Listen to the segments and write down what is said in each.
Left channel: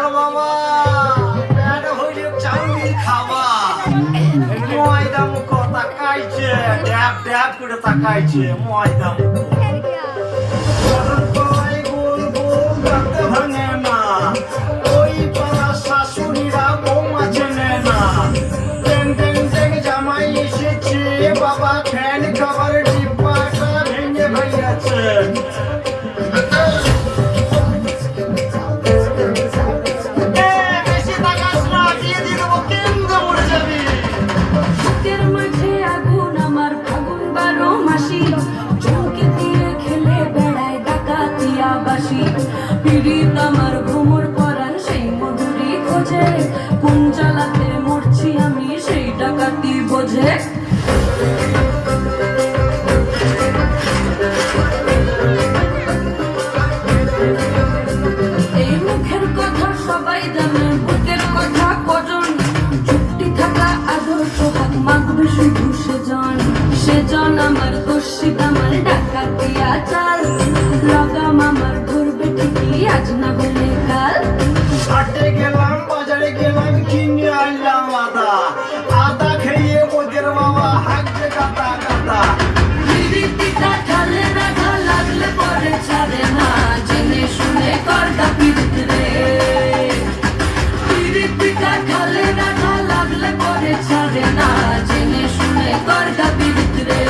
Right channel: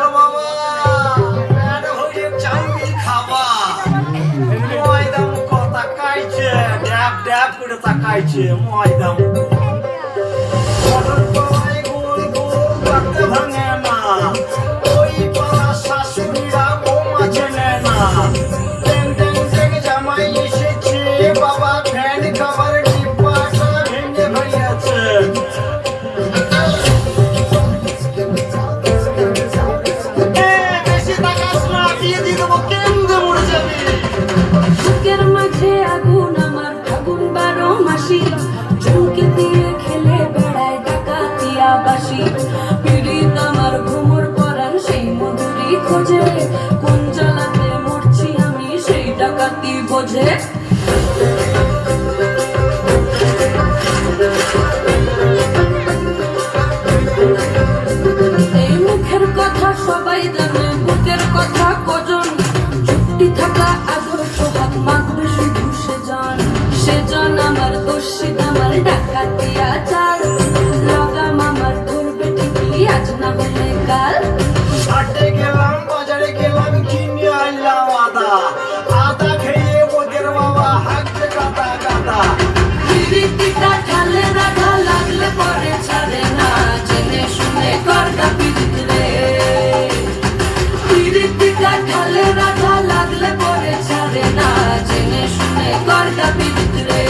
গেল বাবা পেট ভরে চাউমিন খাওয়া ময়দা মুখ তাকাইছে ড্যাব ড্যাব করে তাকাইছে ময়দা মুখ ভাঙে না ওই পাড়া শাশুড়িরা বৌমা চেনে না টেং টেং টেং জামাই এসেছে বাবা ফ্যান খাবার ডিব্বাটা ভেঙে ফেলেছে কোন জ্বালাতে মরছি আমি সেই ডাকাতি বোঝে এই মুখের কথা সবাই জানে বুকের কথা কজন চুক্তি থাকা আদর্শ হক মাগবে শুধু সেজন আমার দোষী আমার ডাকাতি আচার লাগাম আমার ধরবে ঠিকই আজ না হলে কাল হাটে গেলাম বাজারে গেলাম কিনে আনলাম আদা আদা খেয়ে ওদের বাবা হাঁকতে কাটা কাটা পিরিতিটা ঢালে রাধা লাগলে পরে ছাড়ে না জেনে শুনে করদা পিরিত রে পিরিতিটা ঢালে রাধা লাগলে পরে ছাড়ে না জেনে শুনে করদা পিরিত রে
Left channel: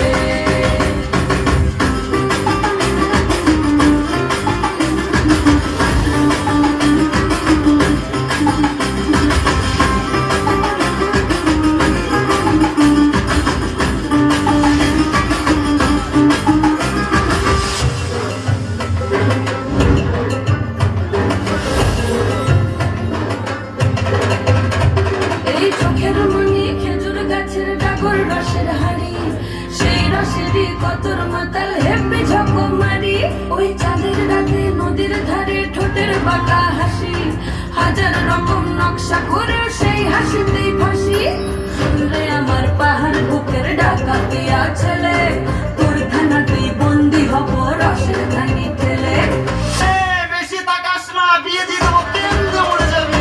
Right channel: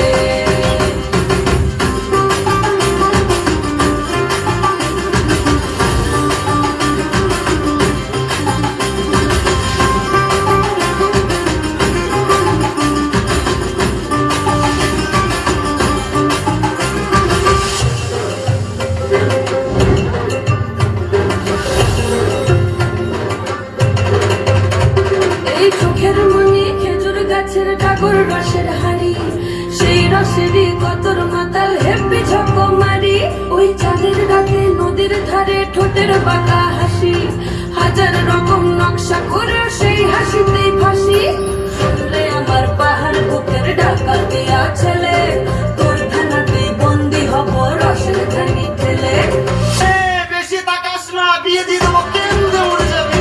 চোখের মনি খেজুর গাছের ডাগর রসের হাড়ি সেই রসেরই কতর মাতাল হেপে ঝকো মারি ওই চাঁদের রাতে নদীর ধারে ঠোঁটের বাঁকা হাসি হাজার রকম নকশা করে সেই হাসিতেই ফাঁসি শুনলে আমার পাহাড় বুকের ডাকাতে ছেলে তোর থানাতেই বন্দি হব রসের ধানি খেলে বেশি তাকাস না বিয়ে দিয়ে দেবো কেন্দ্র মরে যাবে